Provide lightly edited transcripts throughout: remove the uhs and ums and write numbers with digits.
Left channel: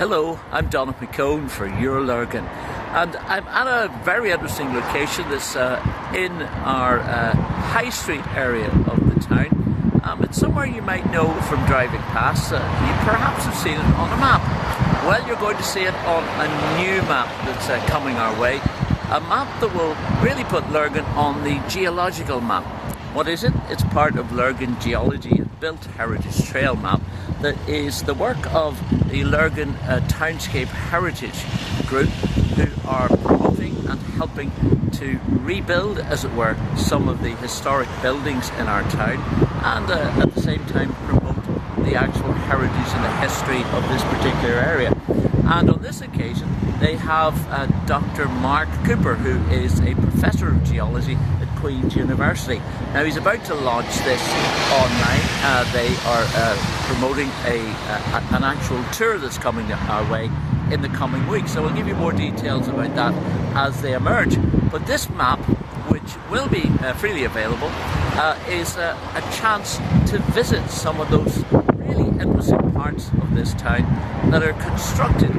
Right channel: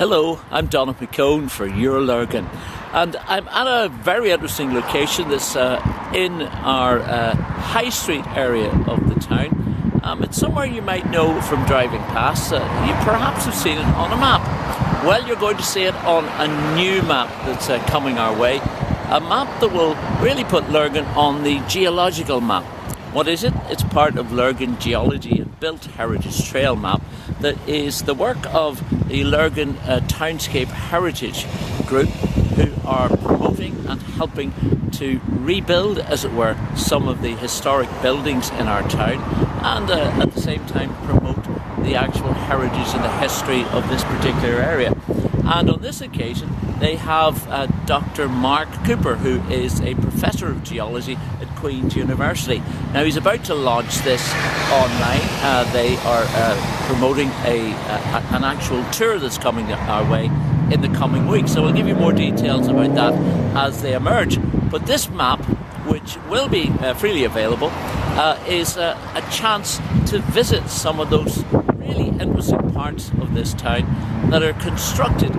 Hello, I'm Donagh McKeown for Your Lurgan, and I'm at a very interesting location that's in our High Street area of the town. It's somewhere you might know from driving past. You perhaps have seen it on a map. Well, you're going to see it on a new map that's coming our way. A map that will really put Lurgan on the geological map. What is it? It's part of Lurgan Geology and Built Heritage Trail map that is the work of the Lurgan Townscape Heritage Group, who are promoting and helping to rebuild, as it were, some of the historic buildings in our town, and at the same time promote the actual heritage and the history of this particular area. And on this occasion they have Dr. Mark Cooper, who is a professor of geology at Queen's University. Now he's about to launch this online. They are promoting an actual tour that's coming our way in the coming weeks. So we'll give you more details about that as they emerge. But this map, which will be freely available, is a chance to visit some of those really interesting parts of this town that are constructed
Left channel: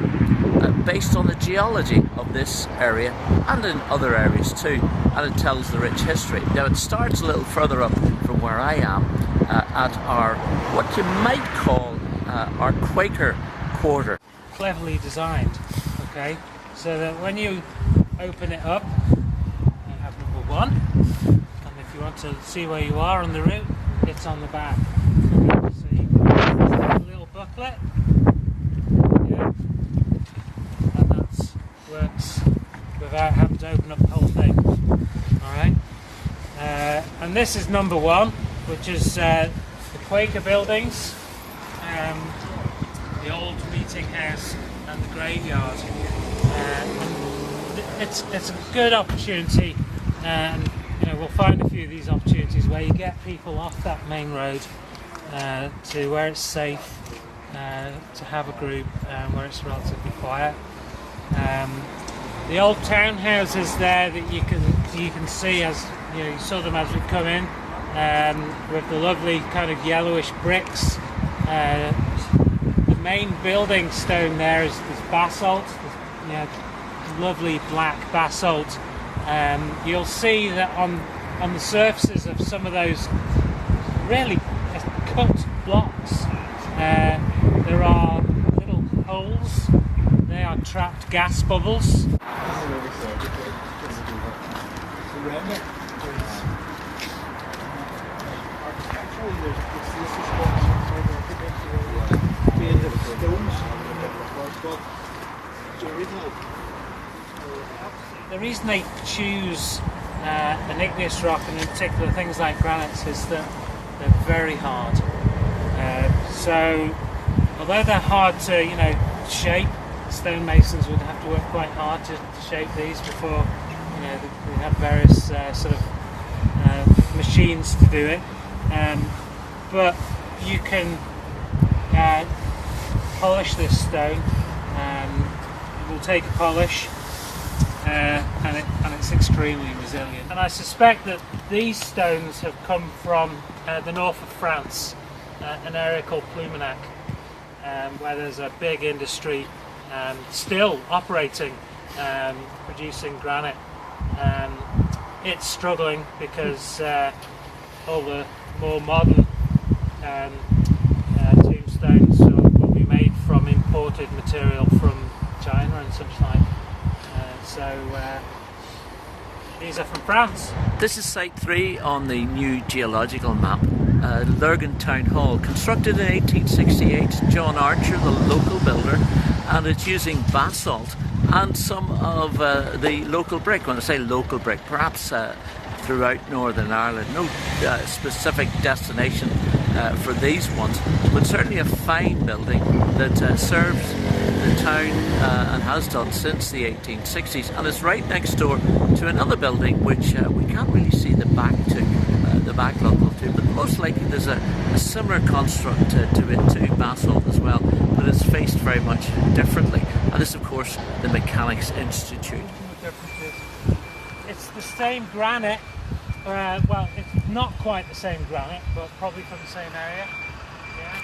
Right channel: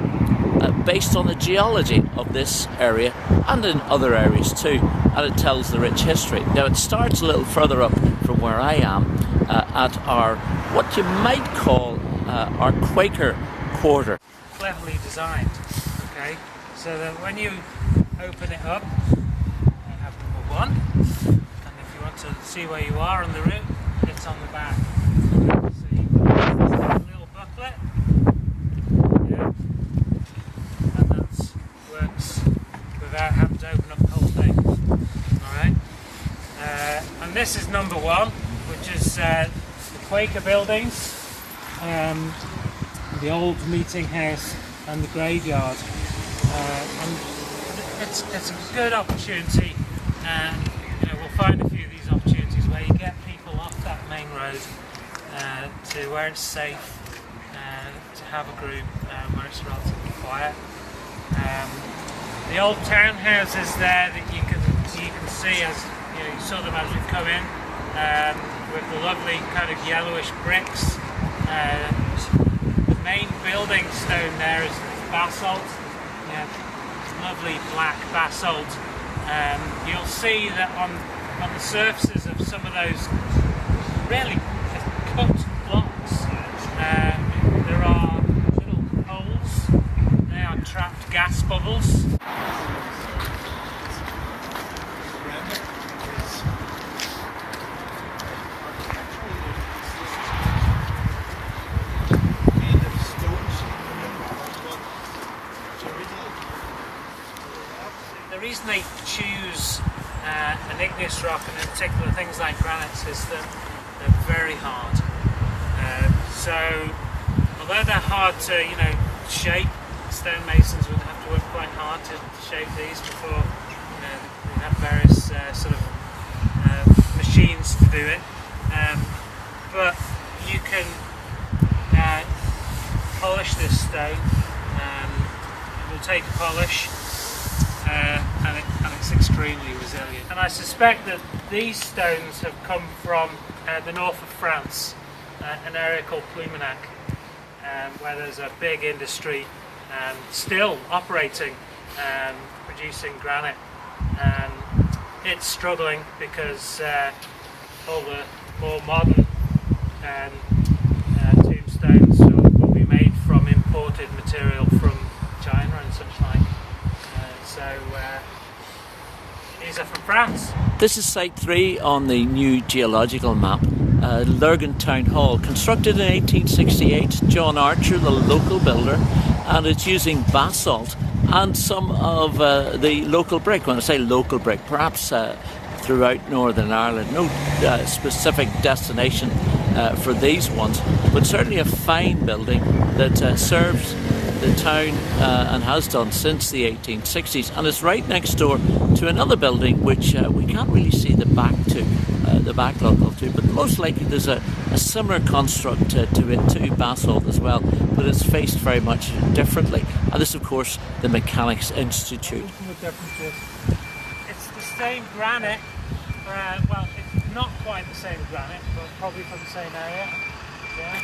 based on the geology of this area and in other areas too, and it tells the rich history. Now it starts a little further up from where I am at our, what you might call our Quaker quarter. Cleverly designed, okay, so that when you open it up you have number one, and if you want to see where you are on the route, it's on the back. So you a little booklet, yeah, and that works without having to open up the whole thing. Alright, and this is number one, which is the Quaker buildings, the old meeting house and the graveyard, and it's a good opportunity, and we'll find a few of these opportunities where you get people off that main road to where it's safe to have a group where it's relatively quiet. The old townhouses there that you can see, as you saw them as we come in, with the lovely kind of yellowish bricks. The main building stone there is basalt, lovely black basalt. You'll see that on the surfaces of some of those really cut blocks, there are little holes. They are trapped gas bubbles. The reason they choose an igneous rock, and in particular things like granites, is that they're very hard. So although they're hard to shape, stonemasons would have to work quite hard to shape these before we have various sort of machines to do it. But you can polish this stone. It will take polish, and it's extremely resilient. And I suspect that these stones have come from the north of France, an area called Plumenac, where there's a big industry still operating, producing granite. It's struggling because all the more modern tombstones will be made from imported material from China and such like. So these are from France. This is Site 3 on the new geological map. Lurgan Town Hall, constructed in 1868, John Archer, the local builder, and it's using basalt and some of the local brick. When I say local brick, perhaps throughout Northern Ireland. No specific destination for these ones, but certainly a fine building that serves the town and has done since the 1860s, and it's right next door to another building which we can't really see the backlog of to, but most likely there's a similar construct to it too, basalt as well, but it's faced very much differently. And this, of course, the Mechanics Institute. It's the same granite, well, it's not quite the same granite, but probably from the same area. Yeah.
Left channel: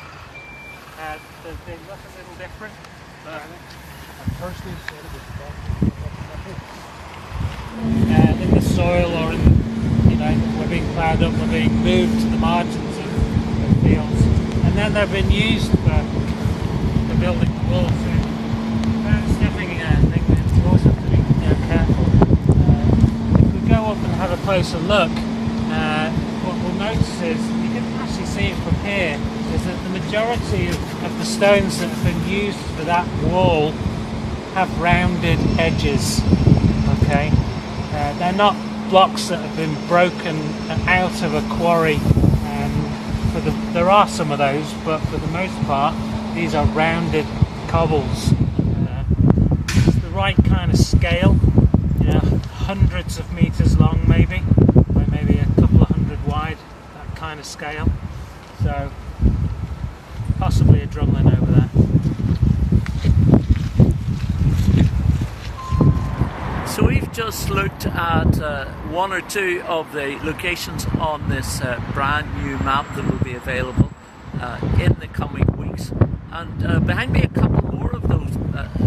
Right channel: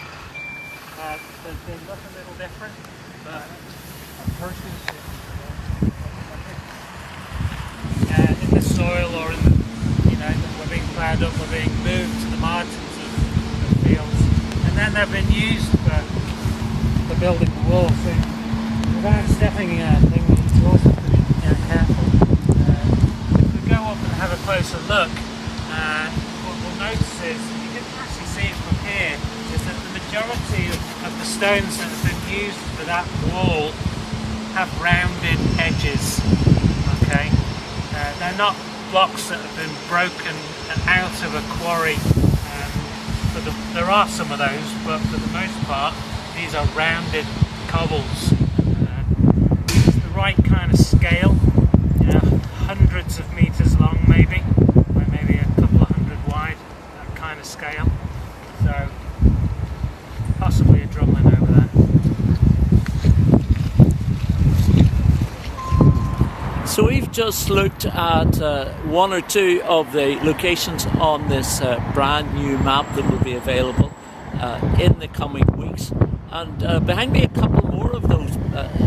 They look a little different. in the soil, or in, we're being ploughed up, we're being moved to the margins of the fields, and then they've been used for building the wall. So without stepping things, you always have to be careful. If we go up and have a closer look, what we'll notice is, you can actually see it from here, is that the majority of the stones that have been used for that wall have rounded edges. Okay, they're not blocks that have been broken out of a quarry. There are some of those, but for the most part, these are rounded cobbles. It's the right kind of scale, hundreds of meters long, maybe a couple of hundred wide. That kind of scale. So possibly a drumlin over there. So we've just looked at one or two of the locations on this brand new map that will be available in the coming weeks, and behind me a couple more of those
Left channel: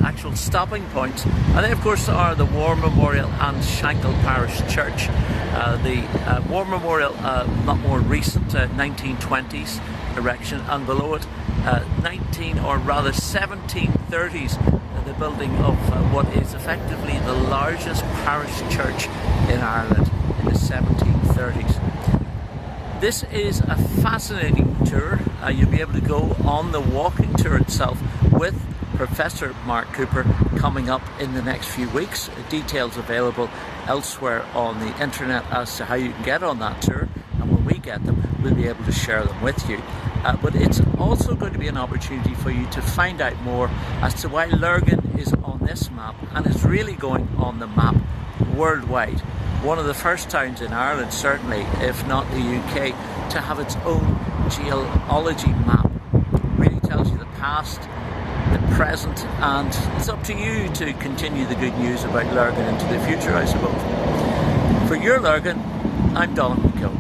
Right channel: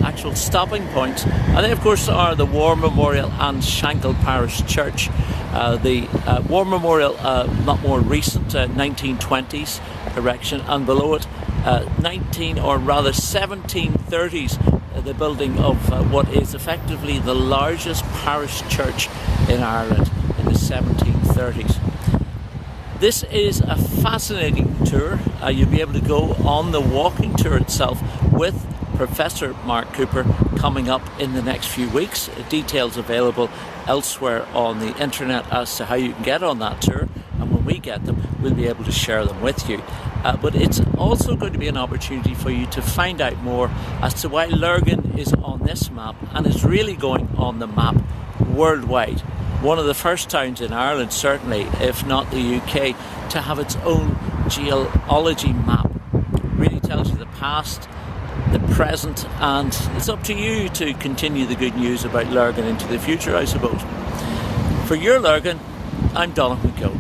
actual stopping points, and then of course are the War Memorial and Shankhill Parish Church. The War Memorial, not more recent, 1920s erection, and below it 1730s, the building of what is effectively the largest parish church in Ireland in the 1730s. This is a fascinating tour. You'll be able to go on the walking tour itself with Professor Mark Cooper coming up in the next few weeks. Details available elsewhere on the internet as to how you can get on that tour, and when we get them, we'll be able to share them with you. But it's also going to be an opportunity for you to find out more as to why Lurgan is on this map and is really going on the map worldwide. One of the first towns in Ireland, certainly, if not the UK, to have its own geology map. Really tells you the past, the present, and it's up to you to continue the good news about Lurgan into the future, I suppose. For your Lurgan, I'm Donagh McKeown.